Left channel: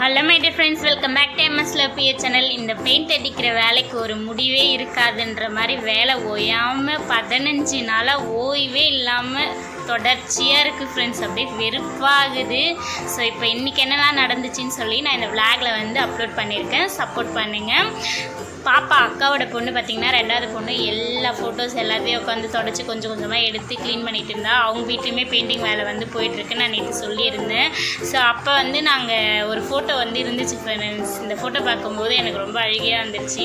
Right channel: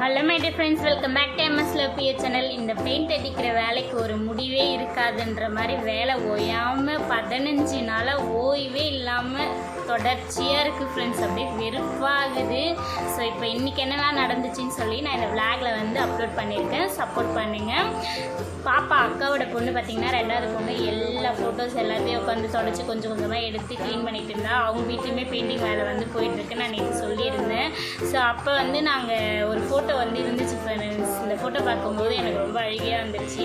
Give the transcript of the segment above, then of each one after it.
Hello my dear friends welcome back to MS லப்பிய channel இந்த paint அடிக்கிற வேலைக்கு ஒரு முடிவே இருக்காதுன்ற மாதிரி வேலை ஓயாமல் பதினஞ்சு நாளாக ஓய்வே இல்லாமல் தொடர்ச்சியாக இருக்குது ஃப்ரெண்ட்ஸ் அப்படியே வெறுப்பாகுது. ஸோ இப்போ இன்றைக்கி என்னெல்லாம் நடந்துச்சுன்னு சொல்லி நான் இந்த விளாகில் வந்து அப்லோட் பண்ணியிருக்கேன். சப்போர்ட் பண்ணுங்கள் பாப்பா அக்காவோட பொண்ணு பார்த்திங்கன்னா ரெண்டாவது பொண்ணு. எல்லா ஃபோட்டோஸ் எல்லாத்தையும் உட்காந்து தொடச்சி கொஞ்சம் கொஞ்சமாக எடுத்து க்ளீன் பண்ணிட்டு இருந்தா அவங்க வீட்லேயுமே பெயிண்டிங் வேலை வந்து போயிட்டுருக்கு நான் நேற்று சொல்லியிருந்தேன். ஸோ அப்போ வந்து நாங்கள் ஒரு ஃபோட்டோ ஃபோட்டோ வந்து இருந்துச்சு ஃப்ரெண்ட்ஸ் இந்த ஃபோட்டோ பார்க்கும்போது எனக்கு ரொம்ப அழுகையாக இருந்துச்சு.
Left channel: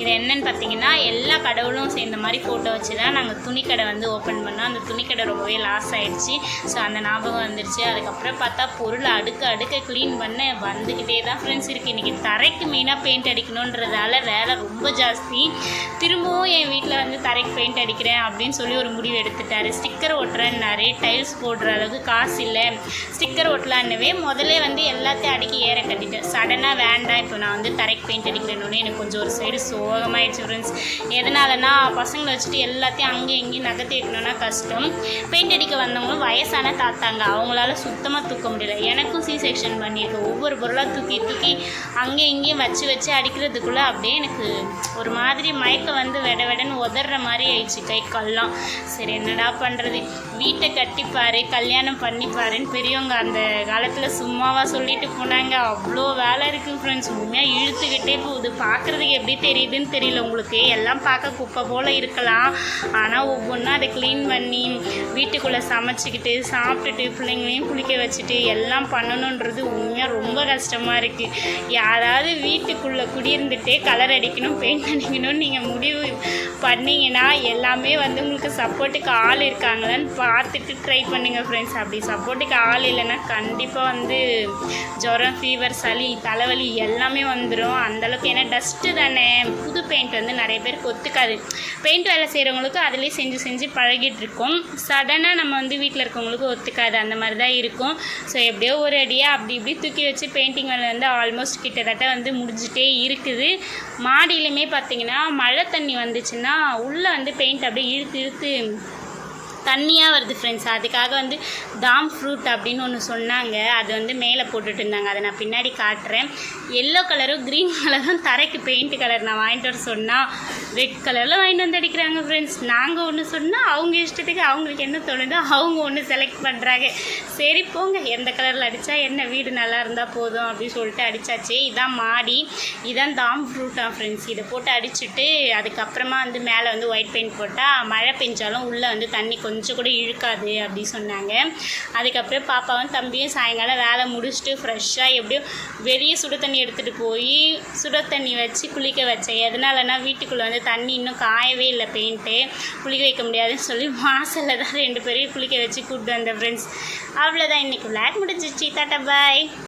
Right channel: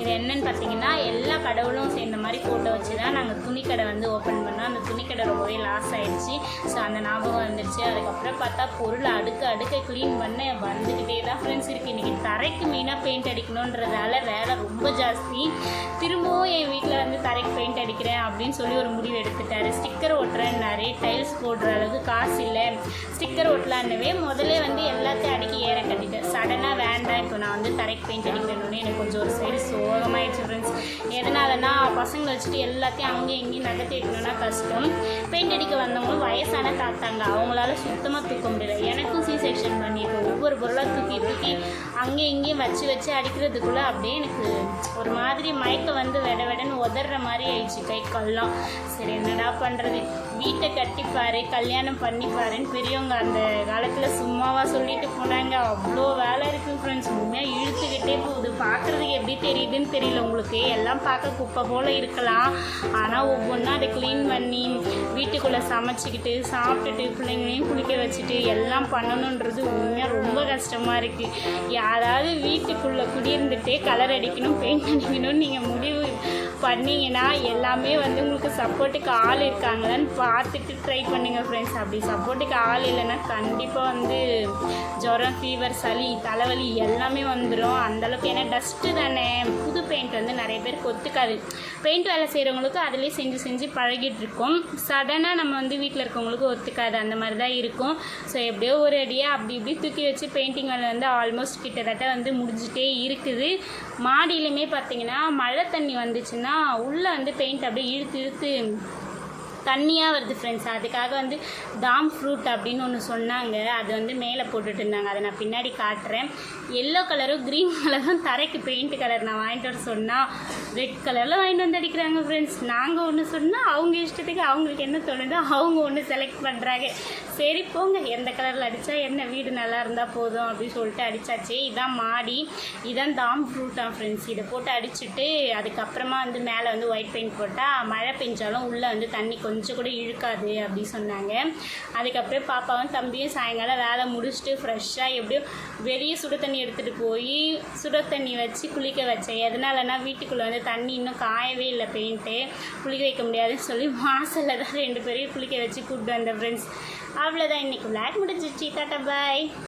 இது என்னன்னு பார்த்தீங்கன்னா எல்லா கடவுளும் சேர்ந்த மாதிரி ஃபோட்டோ வச்சு தான் நாங்கள் துணிக்கடை வந்து ஓப்பன் பண்ணோம். அந்த துணிக்கடை ரொம்பவே லாஸ் ஆகிடுச்சு ஸோ அந்த ஞாபகம் வந்துருச்சு. அதுக்கப்புறம் பார்த்தா பொருள் அடுக்க அடுக்க க்ளீன் பண்ண வந்துக்கிட்டே தான் ஃப்ரெண்ட்ஸ் இருக்குது இன்றைக்கி தரைக்கு மெயினாக பெயிண்ட் அடிக்கணுன்றதால வேலை ரொம்ப ஜாஸ்தி. திரும்பவும் என் வீட்டில் வந்து தரைக்கு பெயிண்ட் அடிக்கிறேன் அப்படின்னு சொல்லி ஒரு முடிவு எடுத்துட்டாரு. ஸ்டிக்கர் ஒட்டுறேன்னாரு டைல்ஸ் போடுற அளவுக்கு காசு இல்லை. ஸ்டிக்கர் ஒட்டலான்னவே முதல்ல வந்து எல்லாத்தையும் அடிக்க ஏற கட்டிட்டேன் சடனாக வேண்டாம். இப்போ நான் வந்து தரைக்கு பெயிண்ட் அடிக்கிறேன்னு எனக்கு கொஞ்சம் ஒரு சைடு சோகமாகிடுச்சு ஃப்ரெண்ட்ஸ் எதனாலனா பசங்களை வச்சுட்டு எல்லாத்தையும் அங்கேயும் இங்கேயும் நகர்த்தி வைக்கணும்னா கஷ்டம். பெயிண்ட் அடிக்க வந்தவங்க வயசான தாத்தாங்க. அவங்களால சுத்தமாக தூக்க முடியல. எனக்கும் சி செக்ஷன் பண்ணியிருக்கேன் ஒவ்வொரு பொருளாக தூக்கி தூக்கி அங்கேயும் இங்கேயும் வச்சு வச்சு அடிக்கிறதுக்குள்ளே அப்படியே எனக்கு ஒரு மாதிரி மயக்கம் வந்து வெட வெடன்னு உதற மாதிரி ஆயிடுச்சு. கை கல்லாம். சரி என்னடா பண்ணுறது வீட்டை கட்டிப்பாரு கல்யாணம் பண்ணிப்பாருன்னு பெரியவங்க அந்த காலத்தில் சும்மாவாக சொல்லிட்டு போனாங்க. அவ்வளோ வேலை இருக்குது ஃப்ரெண்ட்ஸ் உண்மையாக இழுத்துக்கிட்டே போகுது. பார்க்குறதுக்கு எப்படி தெரியுதுன்னு தெரியல உங்களுக்கு. எல்லாம் பார்க்க குப்பை போல் இருக்கலாம். ஆனால் ஒவ்வொன்றா அதை க்ளீன் பண்ணி வீட்டுக்குள்ளே சமைச்சிக்கிட்டு சாப்பிட்டுட்டு பிள்ளைங்களையும் குளிக்க வச்சுட்டு எல்லாம் பண்ணணுன்றது உண்மையாக ரொம்ப கஷ்டமாக இருக்குது யாராவது வீட்டுக்குள்ளே குடியிருந்துட்டே கலர் அடிக்கணும் பெயிண்ட் அடிக்கணும்னு நீங்கள் முடிவு பண்ணிங்கன்னா எல்லாமே வந்து உங்களுக்கு சப்போர்ட்டுக்கு ஆள் இருக்காங்களான்னு பார்த்துட்டு ட்ரை பண்ணுங்கள் ஃப்ரெண்ட்ஸ் அப்படி சப்போர்ட்டுக்கு ஆள் இல்லைன்னா கண்டிப்பாக வந்து ஜுரம் ஃபீவர் சளி தலைவலி எல்லாமே வந்துடும் அந்தளவுக்கு ஏன்னா டஸ்ட்டு தானே. புது பெயிண்ட் வந்து நிறைய பேருக்கு ஒத்துக்காது. பெயிண்ட் வேலை செய்கிறவங்களுக்கு அதிலே செஞ்சு செஞ்சு பழகிட்டு இருக்கோம் சடனாக நம்ம வந்து வீட்டில் இருக்கவங்களுக்கு ஒத்துக்காது. அந்த மாதிரி தான் இருக்கும். ஸோ எப்படியோ ஒரு அடியாக அப்படி இப்படி தூக்கி வச்சு பெயிண்டிங் வேலை வந்து ஆல்மோஸ்ட் கிட்டத்தட்ட வந்து முடிஞ்சிட்டே இருக்குது. மாடியிலுமே பார்த்தீங்கன்னா மழை தண்ணி வந்துச்சுன்னா உள்ளே வந்து பெயிண்ட் அப்படியே இழுத்து இழுத்து தண்ணியாக வருது ஃப்ரெண்ட்ஸ் அதுக்காக வந்து தாம் ஃப்ரூட் அப்படின்னு ஒன்று சொன்னாங்க. அது வந்து மேலே போட்டுட்டு இருந்தாங்க. அதை நான் பின்னாடி காட்டுறேன். எல்லோ கலரும் க்ரீன் கலரும் தரைக்கு பெயிண்ட் கலர் நான் வாங்கிட்டு வர சொன்னால் ரெட் கலரில் வாங்கிட்டு வந்து அடிக்கிறாங்க ஃப்ரெண்ட்ஸ் நாங்கள் ஒன்று சொன்னால் அவங்க இஷ்டத்துக்கு அவங்களுக்கு என்ன தோணுதோ அவங்க ஒன்று செலக்ட் பண்ணுறாங்க சரி போங்க. எந்த கலரில் அடித்தா என்ன? வீடு நல்லா இருந்தால் போதும் அப்படின்னு சொல்லிட்டு அடித்தாச்சு இதான் மாடி. இதான் தாம் ஃப்ரூட்டான் ஃப்ரெண்ட்ஸ் இதை போட்டு அடிச்சுட்டு அதுக்கப்புறமா வந்து மேலே வந்து ஒயிட் பெயிண்ட் போட்டால் மழை பெஞ்சாலும் உள்ளே வந்து தண்ணி கொஞ்சம் கொஞ்சம் கூட இழுக்காது அப்படி சொன்னாங்க. அதுக்கப்புறம் பாப்பாவும் தம்பியும் சாயங்காலம் வேலை முடிச்சுட்டு ஃப்ரெஷ்ஷாக எப்படியும் வெளியே சுடு தண்ணி எடுத்துகிட்டு போய் சுட தண்ணி வச்சு குளிக்க வச்சேன். எதனாலனா வீட்டுக்குள்ளே வந்து தண்ணி இன்னும் காயவே இல்லை பெயிண்ட்டு குளிக்க வைக்க முடியாதுன்னு சொல்லி வாசலில் தான் ரெண்டு பேரையும் குளிக்க வச்சு கூப்பிட்டு வந்தேன் ஃப்ரெண்ட்ஸ் அவ்வளோதான் இன்றைக்கி விளையாட் முடிஞ்சிச்சு. Tata bye.